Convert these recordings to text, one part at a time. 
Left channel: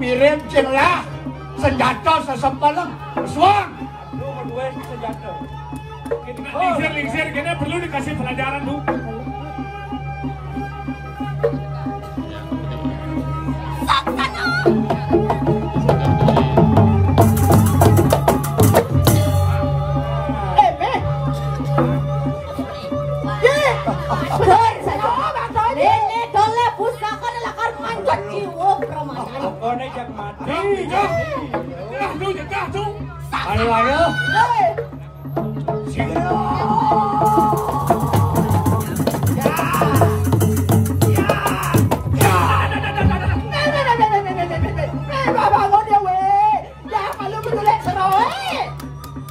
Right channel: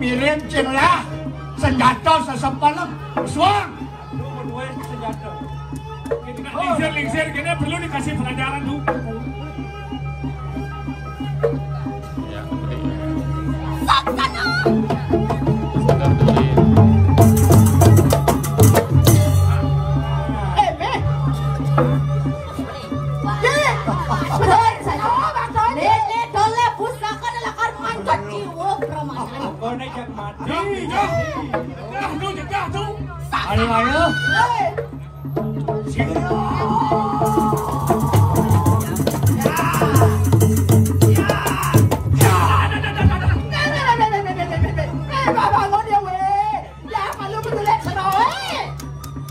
Mirim celah senjata sesempalan suang. Senjata. Lingsir, kena perlu dikasih pelajaran bu.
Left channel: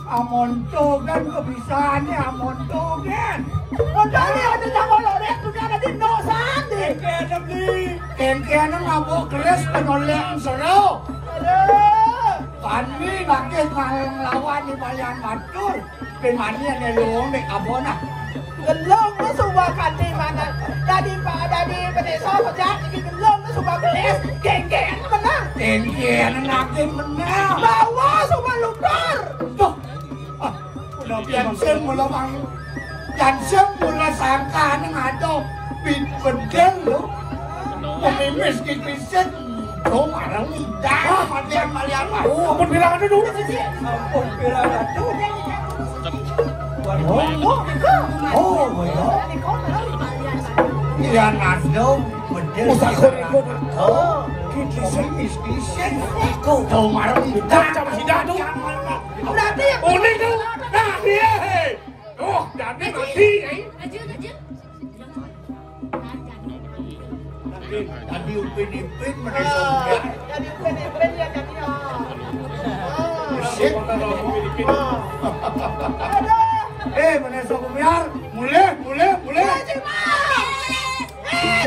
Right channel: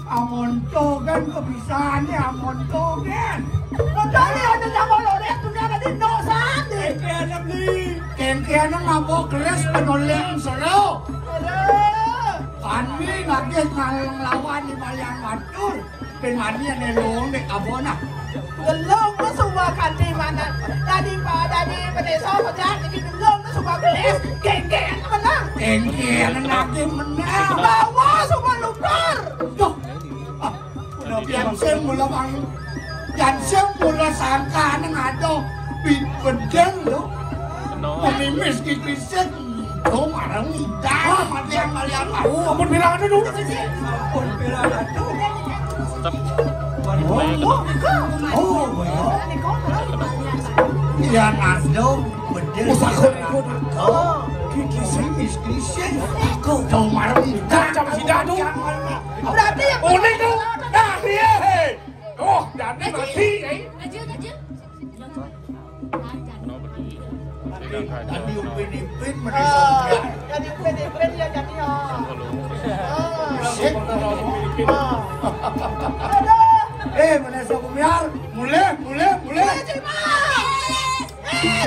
Amontogan kebisaannya amontogan. Modalnya ada nyawa lorek punya ada di nosan deh. Kengkena mabok keras penolehan solo. Kami lagi lawan di Balian Batur. Pemani ada lowong di Kabona. Belum na subakan di mana. Daripada di desa pecah lagi belum na subakan es. Kengkena menang. Kengkena lagi menang. Bawa semua lumpur. Tuh. Yang mulawang yang mula sangka ni ngato bedel lo pemimis di Kristen lo marang dah macam Balian Batur pun bilang dulu pun bilang ya nasdo bedel Kristen kau tahu marang dah sama si Danu berarti boleh tu dah dia oh jadi mati tadi upin-ipin menisahkan jadi upin-ipin ya jadi menisah kumiar mulai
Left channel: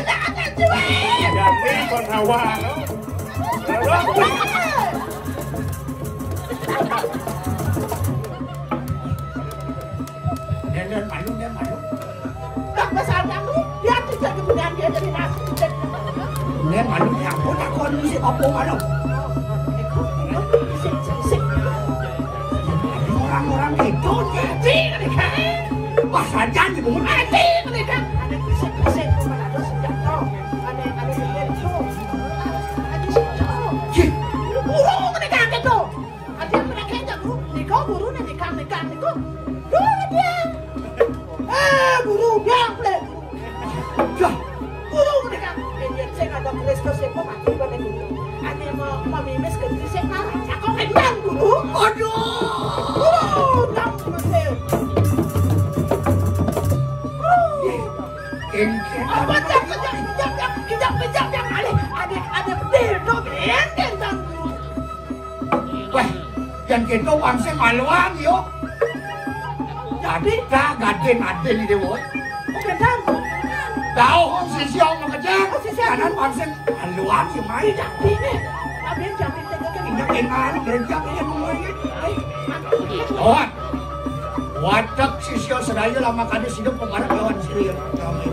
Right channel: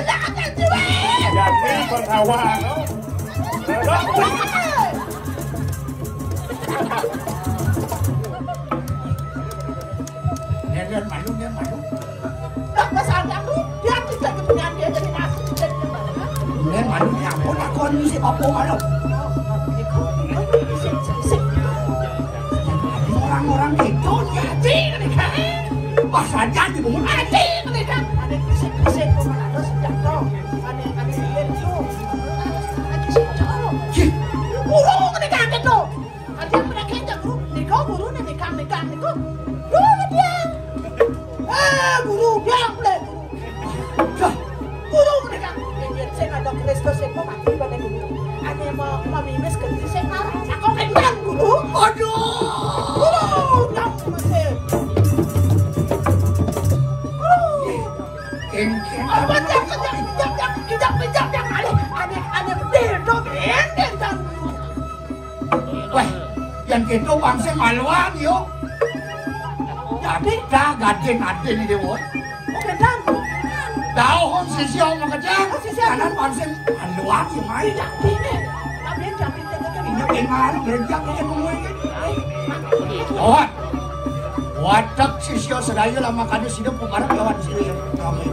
jangan cuy jadi perlawan dia malu tak masalah tu dia tidak keturunan dia dari nasi dia malu apa nak kondisi apa malu orang-orang itu jadi pas saja di bumi mati mereka ada kisah-kisah terus jatuh ada burung mereka itu ada mereka itu nikah burung nikah dulu dia burung biang deh burung mereka dia saya ada Kristus saya kok mati pada dulu ada mau memimis ke diri saya kok kendang dulu aduh burung biang apa kejap yang ada deno benteng wah yang kita wangsa maluang yuk jadi tak gaden di dewa benar kau hon sisi orang macam kanan wangsa maluang yang main jadi ni tapi jadi ini kenal belanja ini oh watak sisi sedaya lama kali sini pemarah lawan sini ramai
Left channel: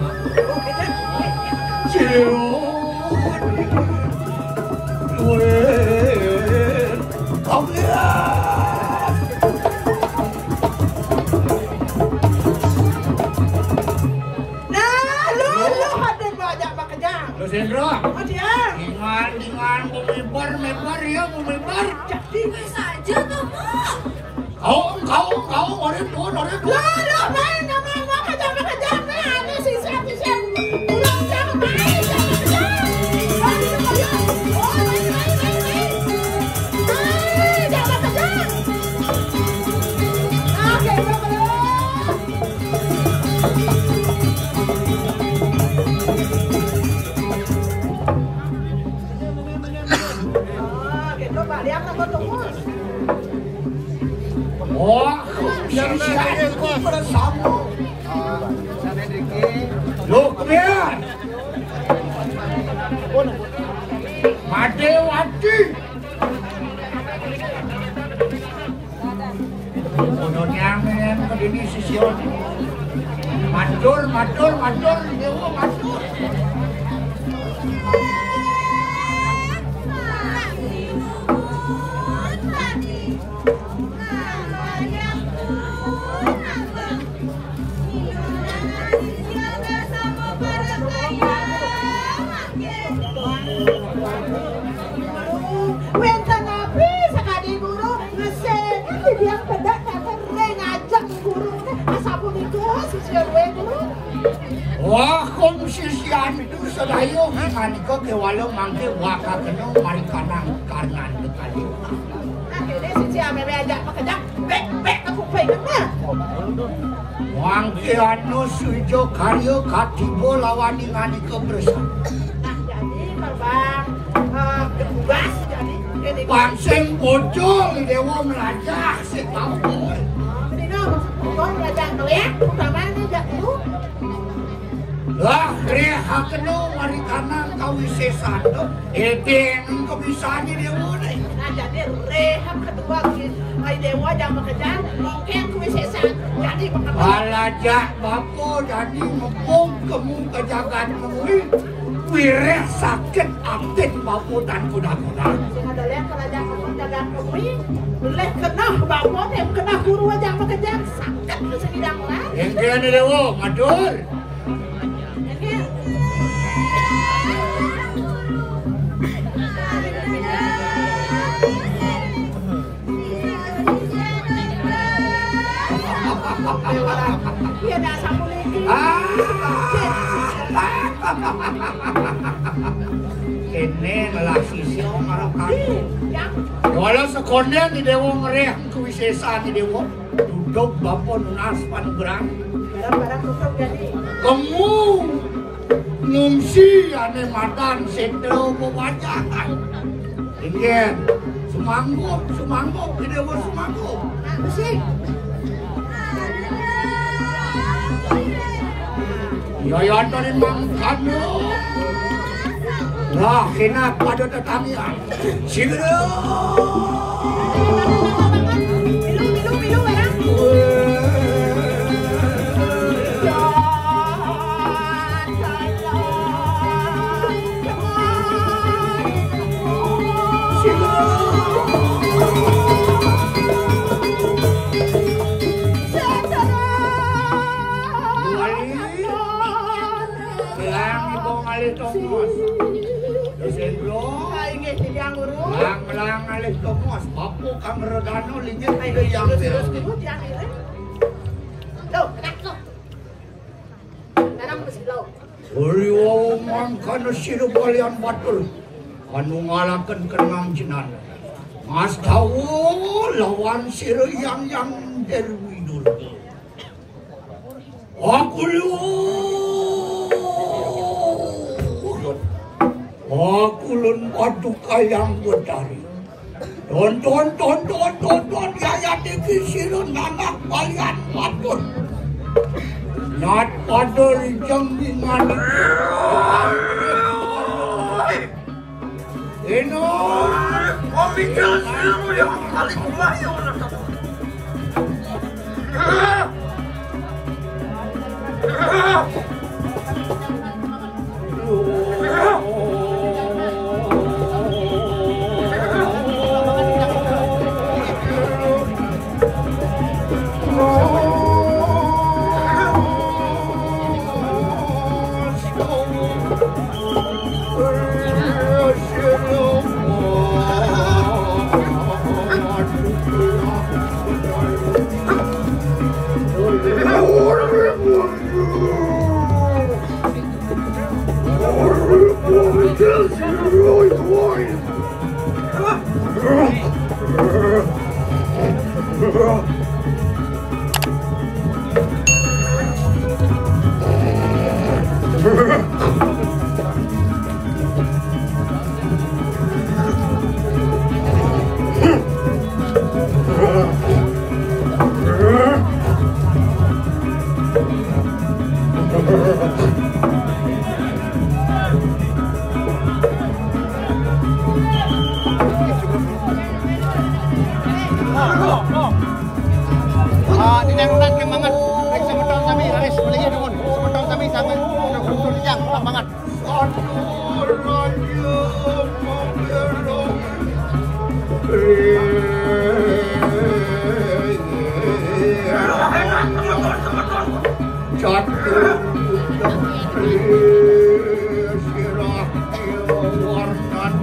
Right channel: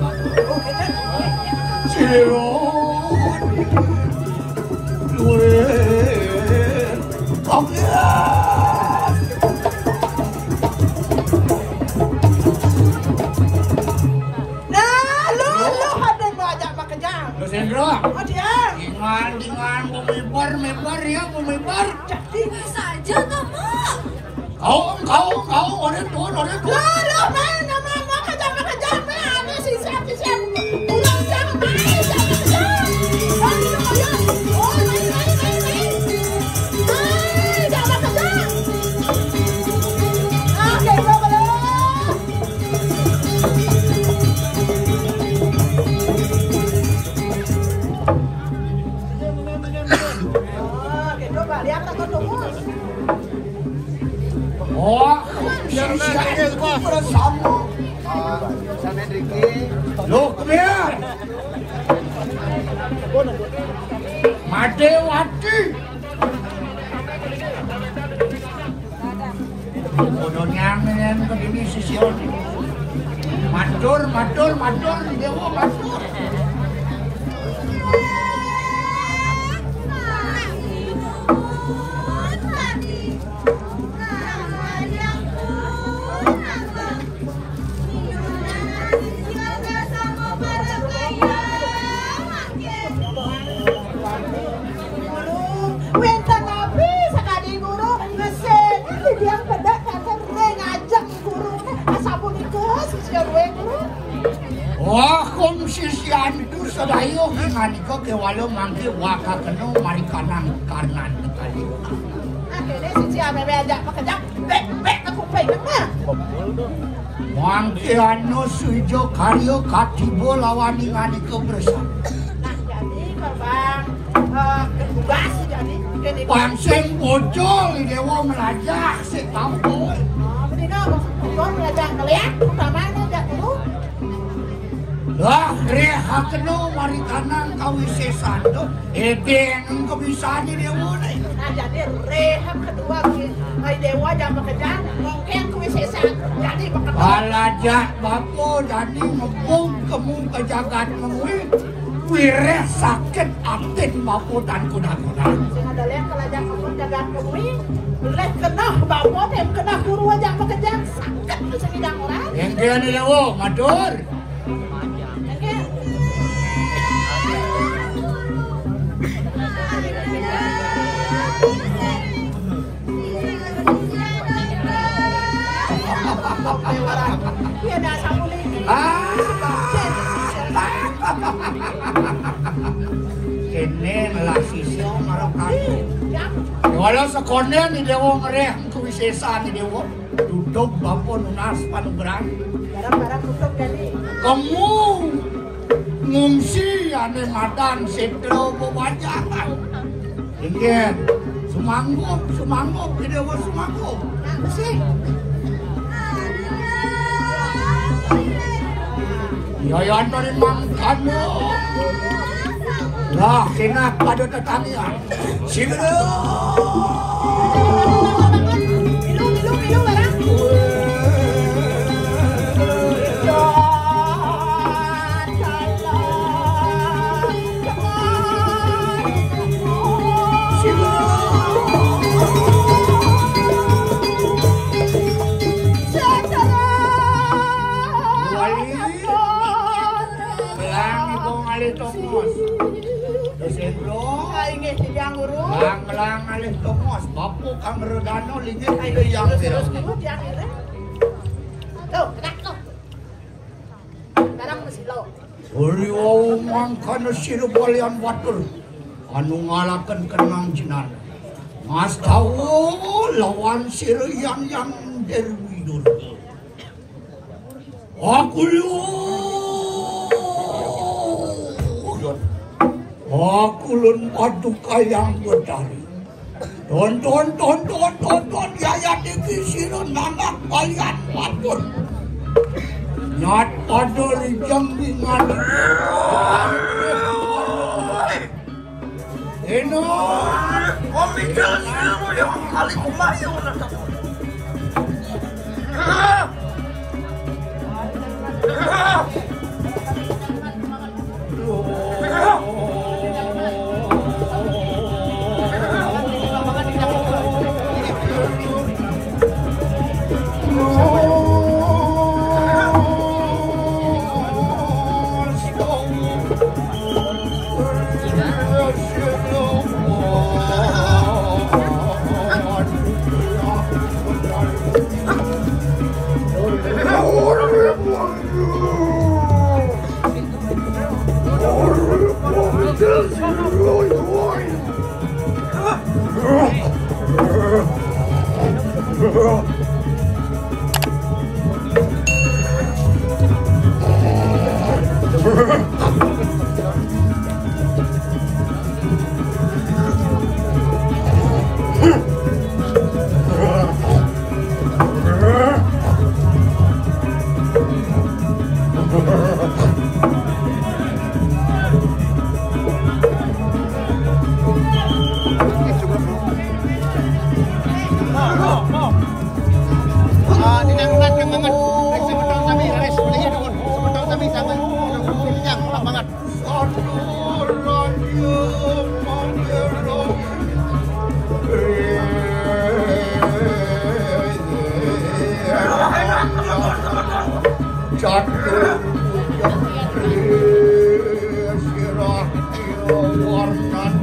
Mebar ya, mebar. Jadi saja kamu. Kau orang tua. Nama kerja ini sisa. Oh, yang siapa bersama Luknya Madewati Bodohnya yang begini sisir Matur Dewa matur Wah, kung sisian itu selayu menganiko ke walau mangke waka keno mari kanan kali. Akhirnya sisian bebe ajak pekerja, bek aku pengennya. Mangke anu sujo karyo katibo lawani nganiko bersama. Jadi babang tugas jadi. Panseng bocol dewa meraja setampul. Bener maksud meraja ngeliat, sama nu jak dulu. Lah, reha keno mari kanan kawisesan do. Nung kebiasaan dewa nih. Nah jadi reha kedua ai dewa jam bekerja, mungkin kewisesan jadi bekerja. Balaja bapo jadi ngepung kemu ke jagat memui. Wireh sakit aktin bapo dan kuda-kuda. Sing ada lihat kalau jam bekerja memui, boleh kena bapo yang kena guru aja bekerja sakit bisa tidak mulai. Yang dia nih dewa, matur. Ini adalah sisi walau sekolah ni dewa ngereh kewisesaan ni dewa duduk bapak nunas panugerang Barang-barang tutup jadi. kamu ngungsi ane madan sentro pewajangan ingin semanggup ni dewa semanggup Ngungsi. Yayan dari mangkamu lah kenapa ada tetangga sila Milu barang. Lang alih tomos bapu kang regano lingit ide yang terus Tuh, kenak tuh. Sekarang mesti lo. Uriwo mangkana siru balian batur anu ngalaken kenang jinan mas tahu lawan siru yang derwi dulu aku lun paduka yang berdari Tonton yaya diki siru nanak balian batur Nat pada rijang dengan Eno kopi siru yang kali kemarin Jatuh sirah warnan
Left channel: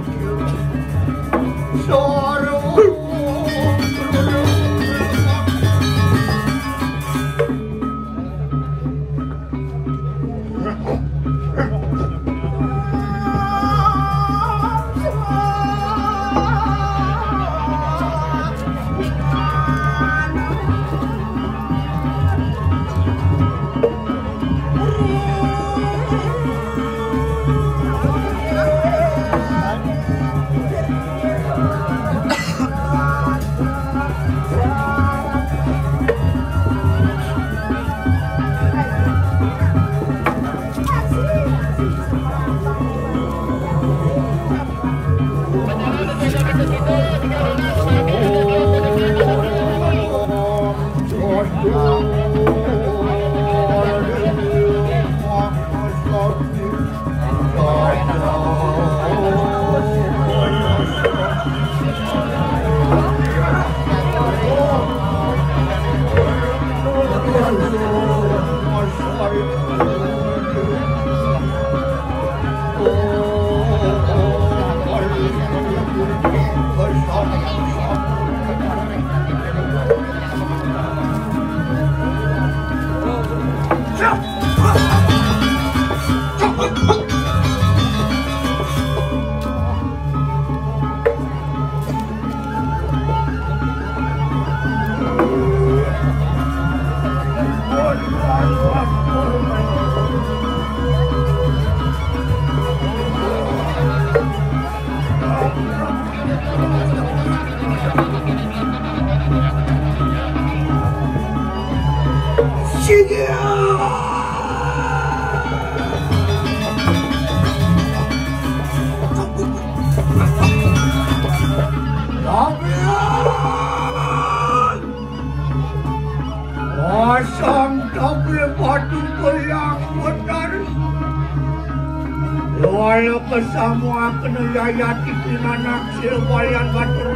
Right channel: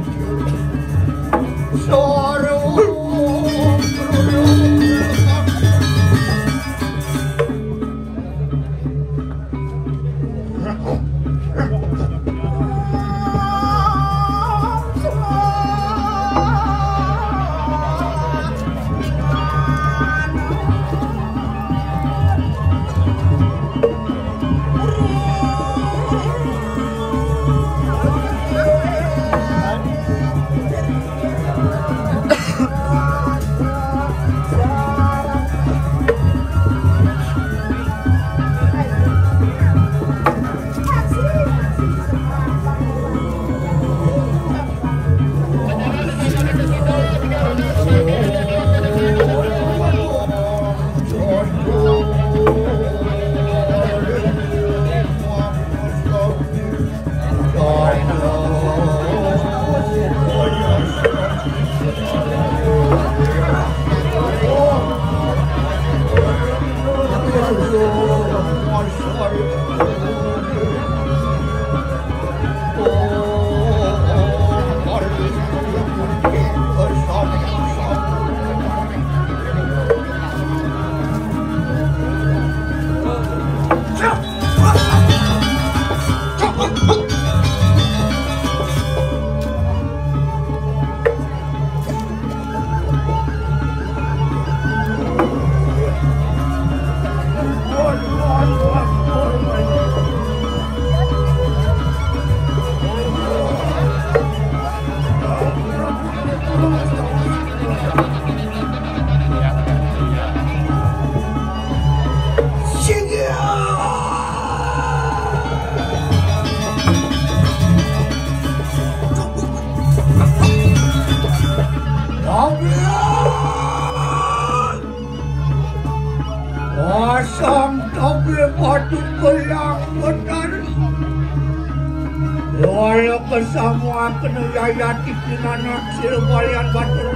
bersama kena yayati kumanak silbalian batur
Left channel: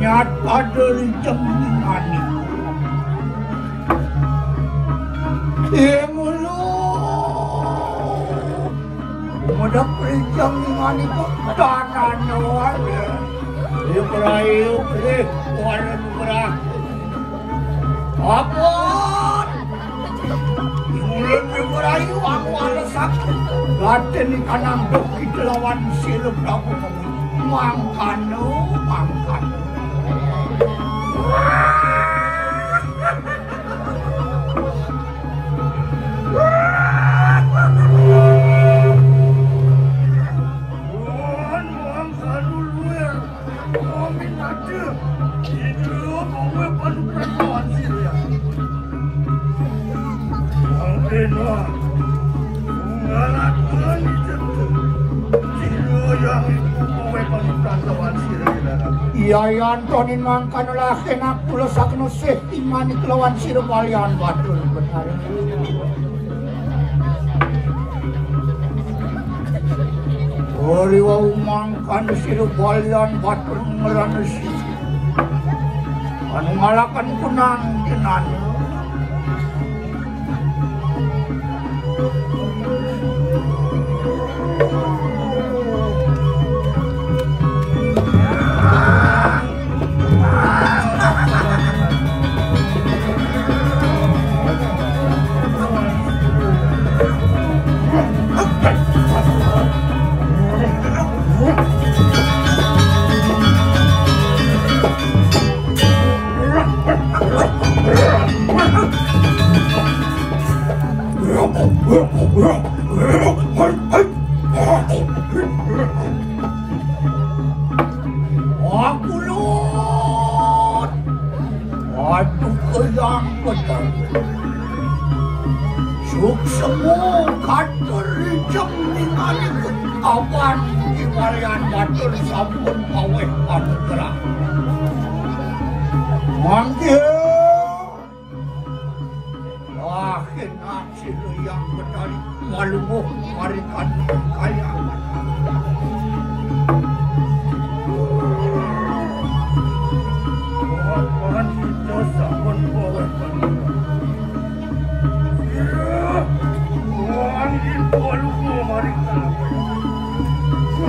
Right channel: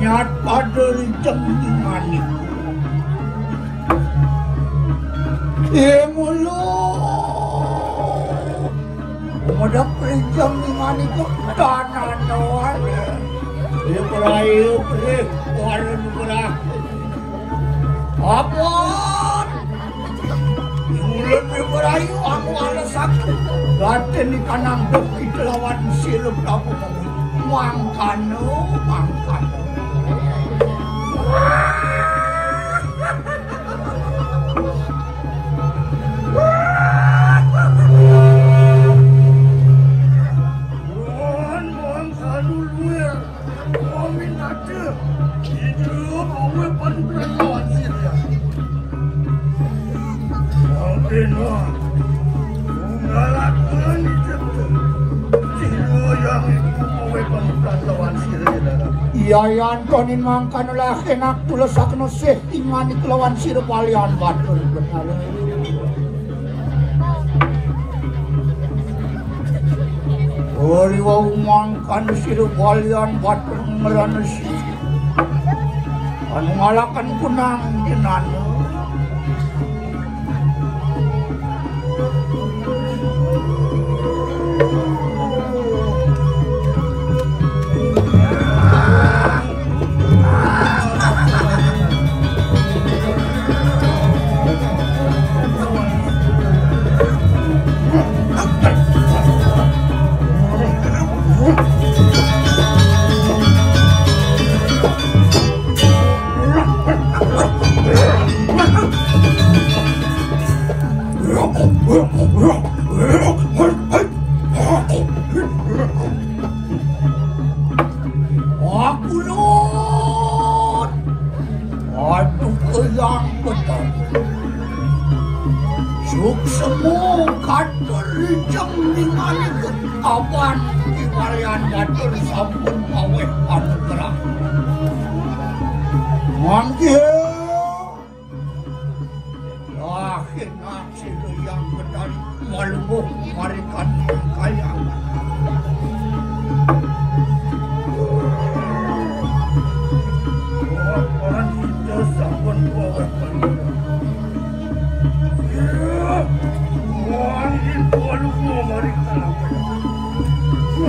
nyat pada rincang dimani kemulu madak rincang dimani kok tanah nawarnya ibrahim waran berah apaan mulai ibrahim aku ada sakit Raden kanang bukit lawan sirup Prabu mangkano. Iya Antonin mangkano lah kenak tulas sakno sih imani kelawan sirup alian batul benar. Ori wau mangkano sirup alian batul merana sih. Anu ngalakan kunang jenan.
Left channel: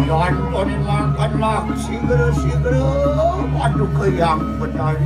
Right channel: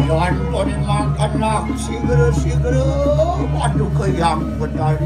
Nonton makanlah segera-segera. Aduh keyang benar.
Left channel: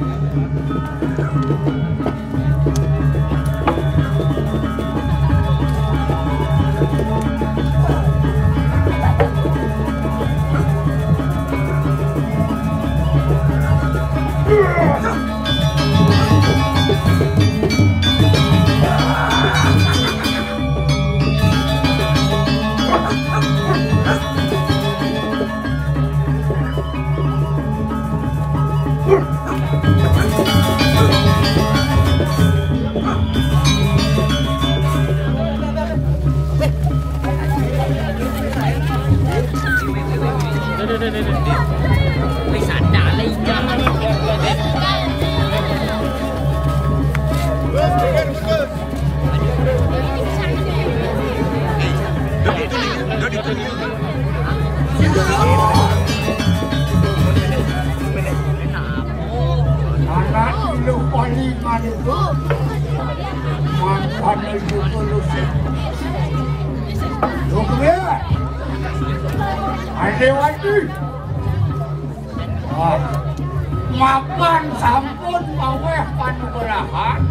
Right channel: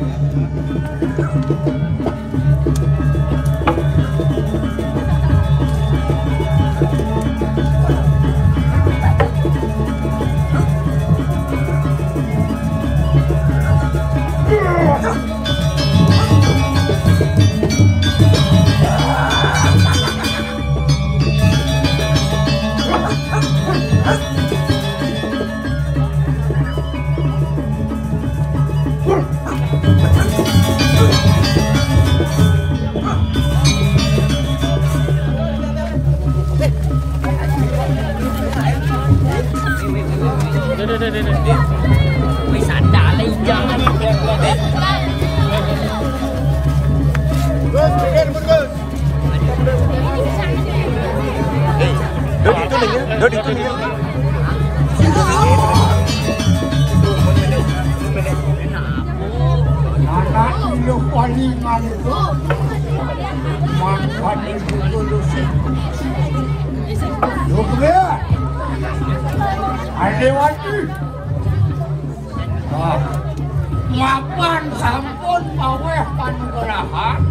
Mapan sampun maweh panurahan.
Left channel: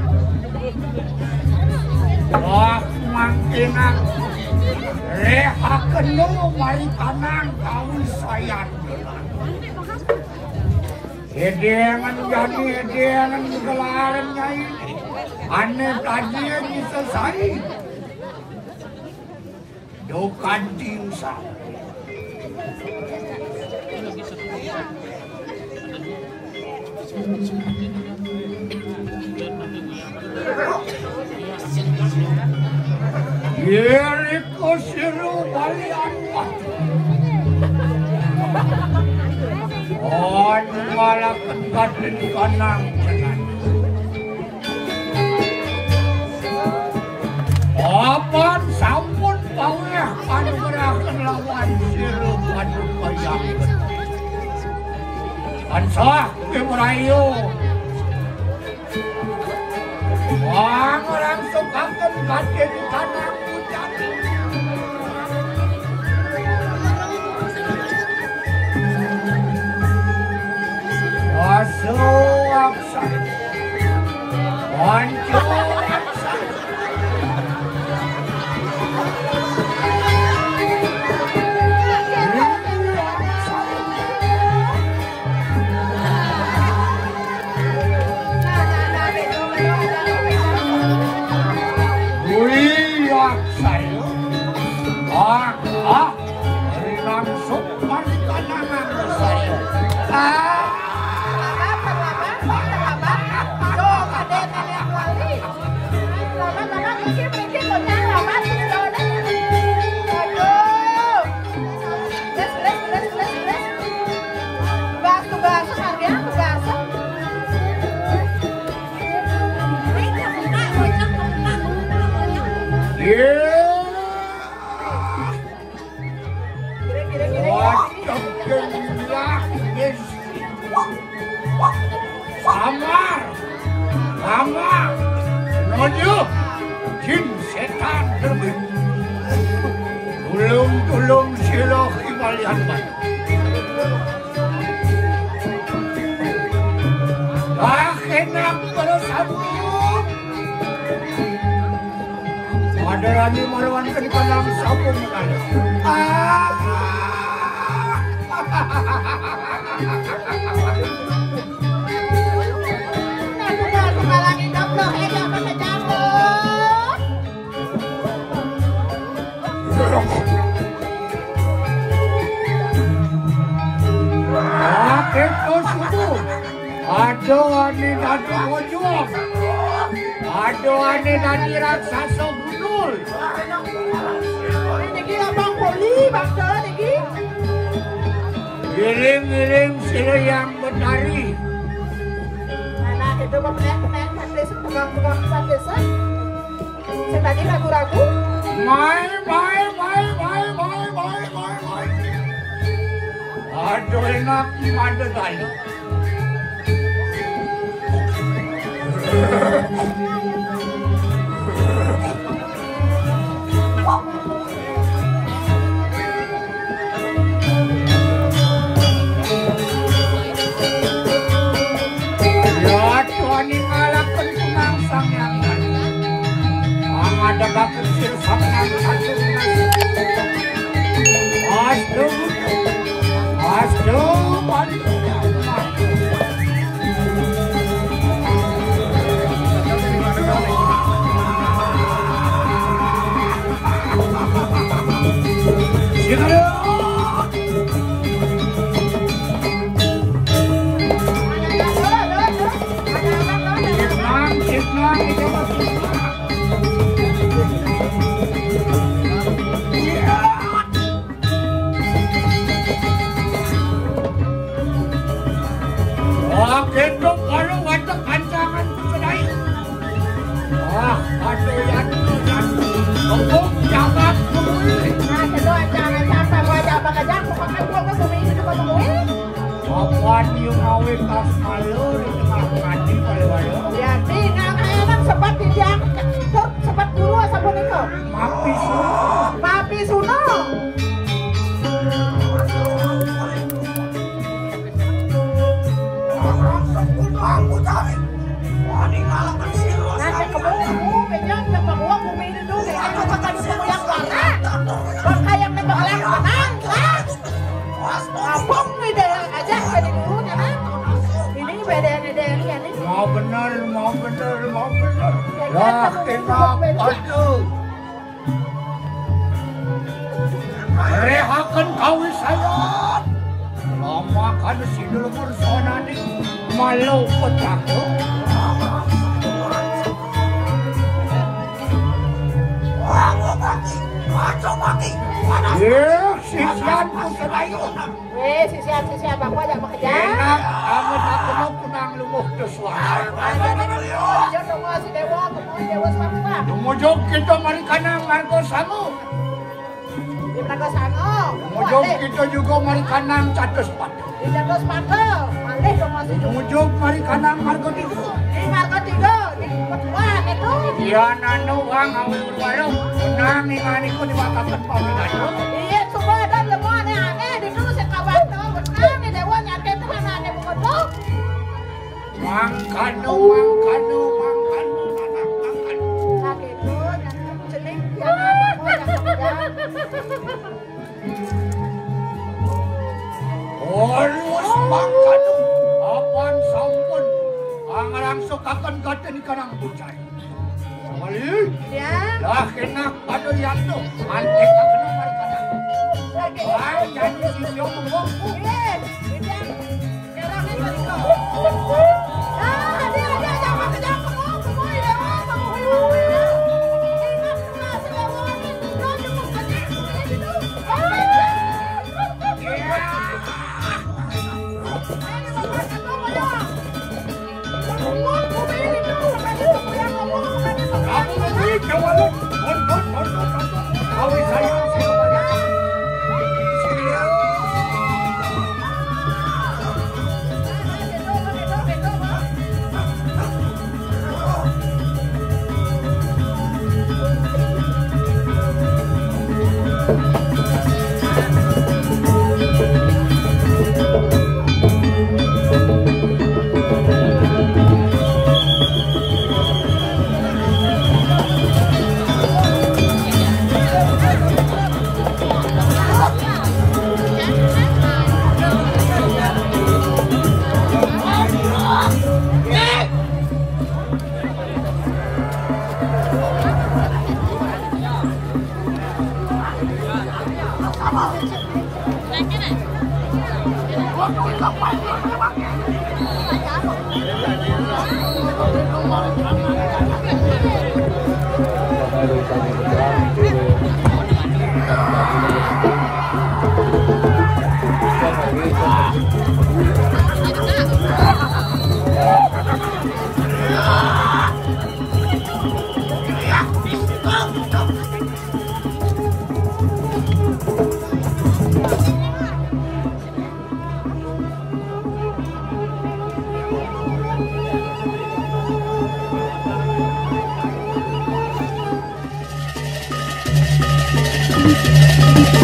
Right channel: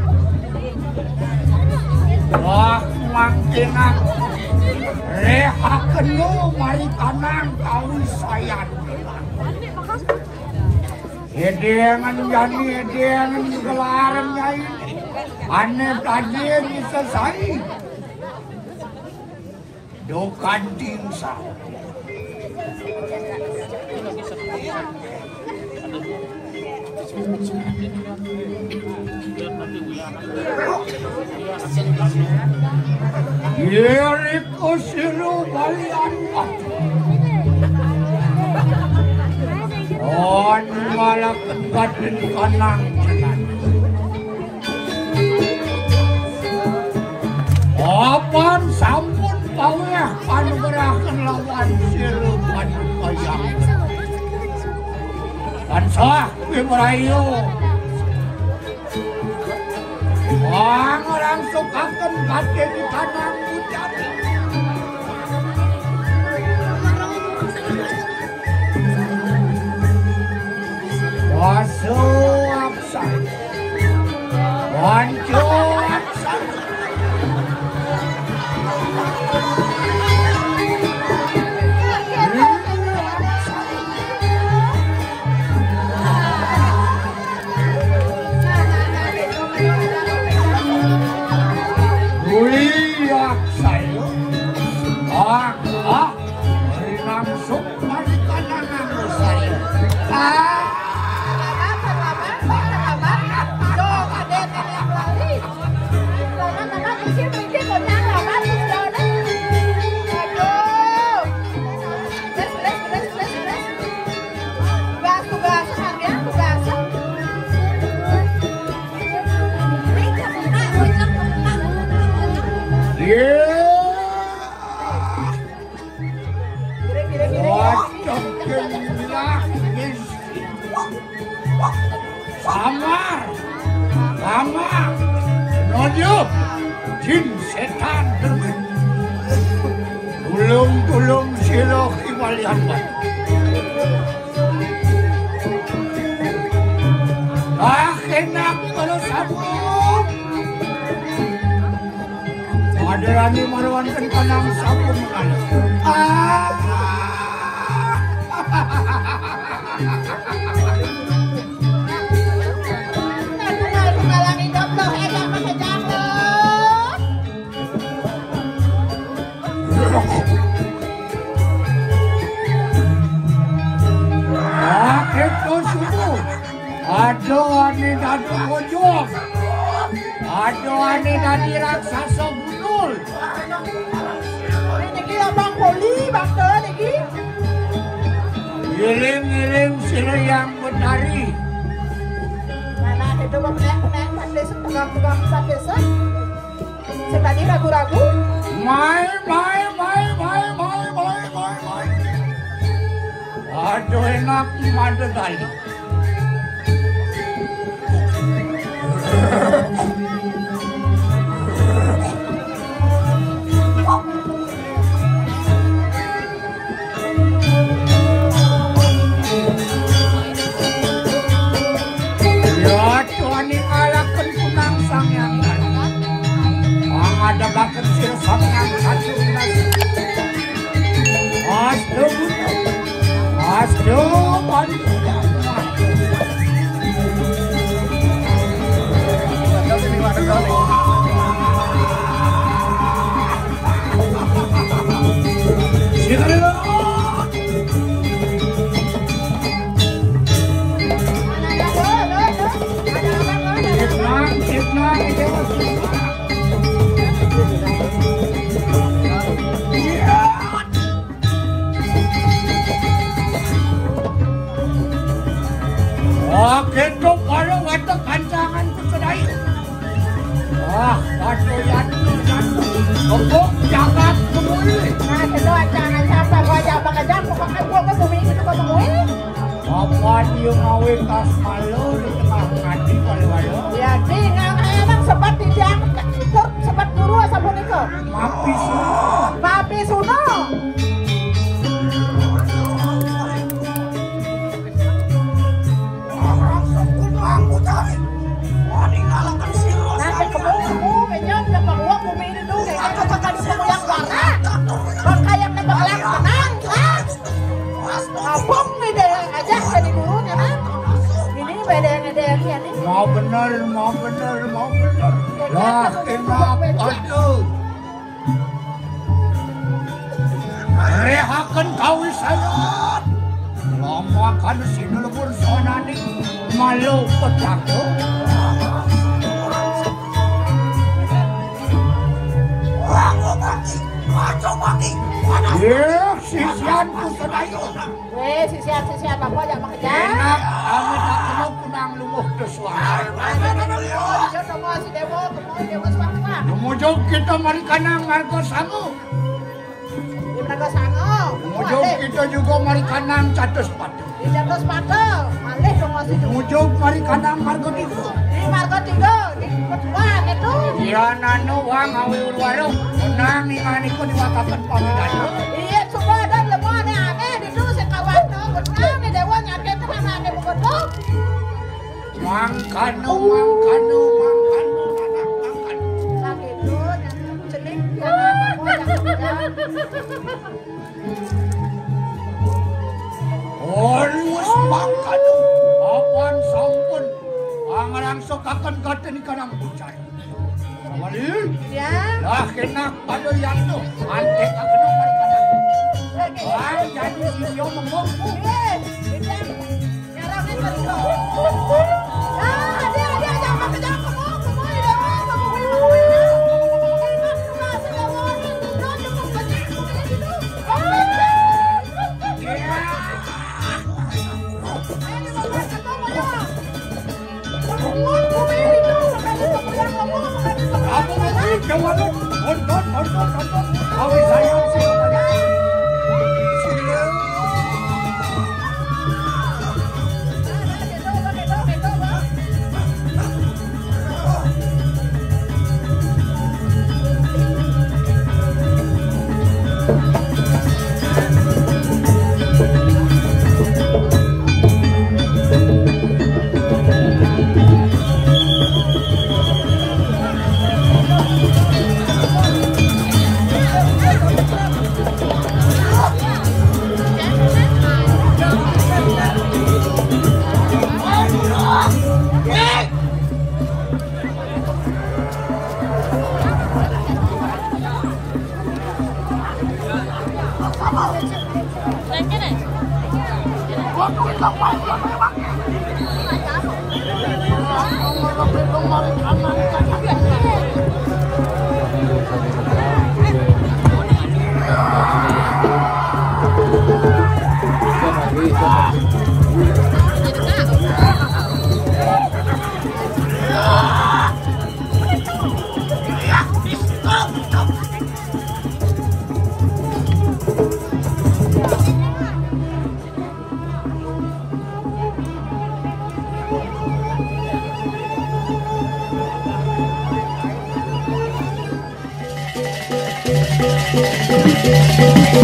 Wah mangkenak rehakeun mari kanang kawisayan. Edengan jani edengan gelaran nyai. Ane tajir bisa sai. Dokan tingsa. Yeriko siru balian on malah kebatin kanang jalan. Apan sampun paweh panugerakeun lawan siru panu kayang. Ansah Ibrayu. Orang sukakan badai di tanah hujan. Wasu aksan, wancu aksan. Wiyak saya, langsung manikanangan saya. Samar, nojo, jin setan terbit. Tulung sila kibalihan baik. Enak kalau sabun. Ada rani melawankan kanang sabun mengalir. Aduh ane tadi raksasa gundul. Niki abang poli bakso niki. Giring-giring silayang betari. Nah itu meneng desa pegang-pegang desa. Saya tadi ragu-ragu. Mai. Aduh enak madu tadi. Untuk jangan kemuli. Nah, kedua jangan sampai wajah bekerja, pokoknya gua ke bumi itu gua temuin. Apaan yung ngawi pas malo di tengah mati kalau Jadi nggak emang sebat di jam sebat dulu sabun itu. Mapi semua. Papi Suno. Nanti kamu menyok ke bawah bumi ini dulu. Aku akan yang warna. Bangkai yang nembak tenang, kan? Abang beda aja jadi dulunya kan. Ini beda yang ini. Mau benar. Lah enak aduh. Rehakan kawi saya. Lama kan si dulur sonani malu petakut. Sisian bapak jangan bekerja. Enak, kamu tak kena punang lumuh ke suara. Lumujog kita marikanang margo sango. Lumujog kita juga marikanang catus patu. Lumujog marikanang margo tigo. Iya nano wang awi urwaro. Unang ingani ko di watatan panginayo. Iya, coba dan lemah aneh di dulu sekawan no, betul nih dewa nyate teman aneh begitu. Mangkano. Sakit tuh, yang celing yang Alus mangkano. Apan sampun. Angarang sokakan gaten kanang bucay. Awalin. ya. Lah kena pada yang tu. Antek akan marikanang. Wang jadi sisyo mengomong. Iya, kita sekarang ini begitu. Dia jangan kejar kamu dewa.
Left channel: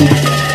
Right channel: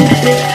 Thank you.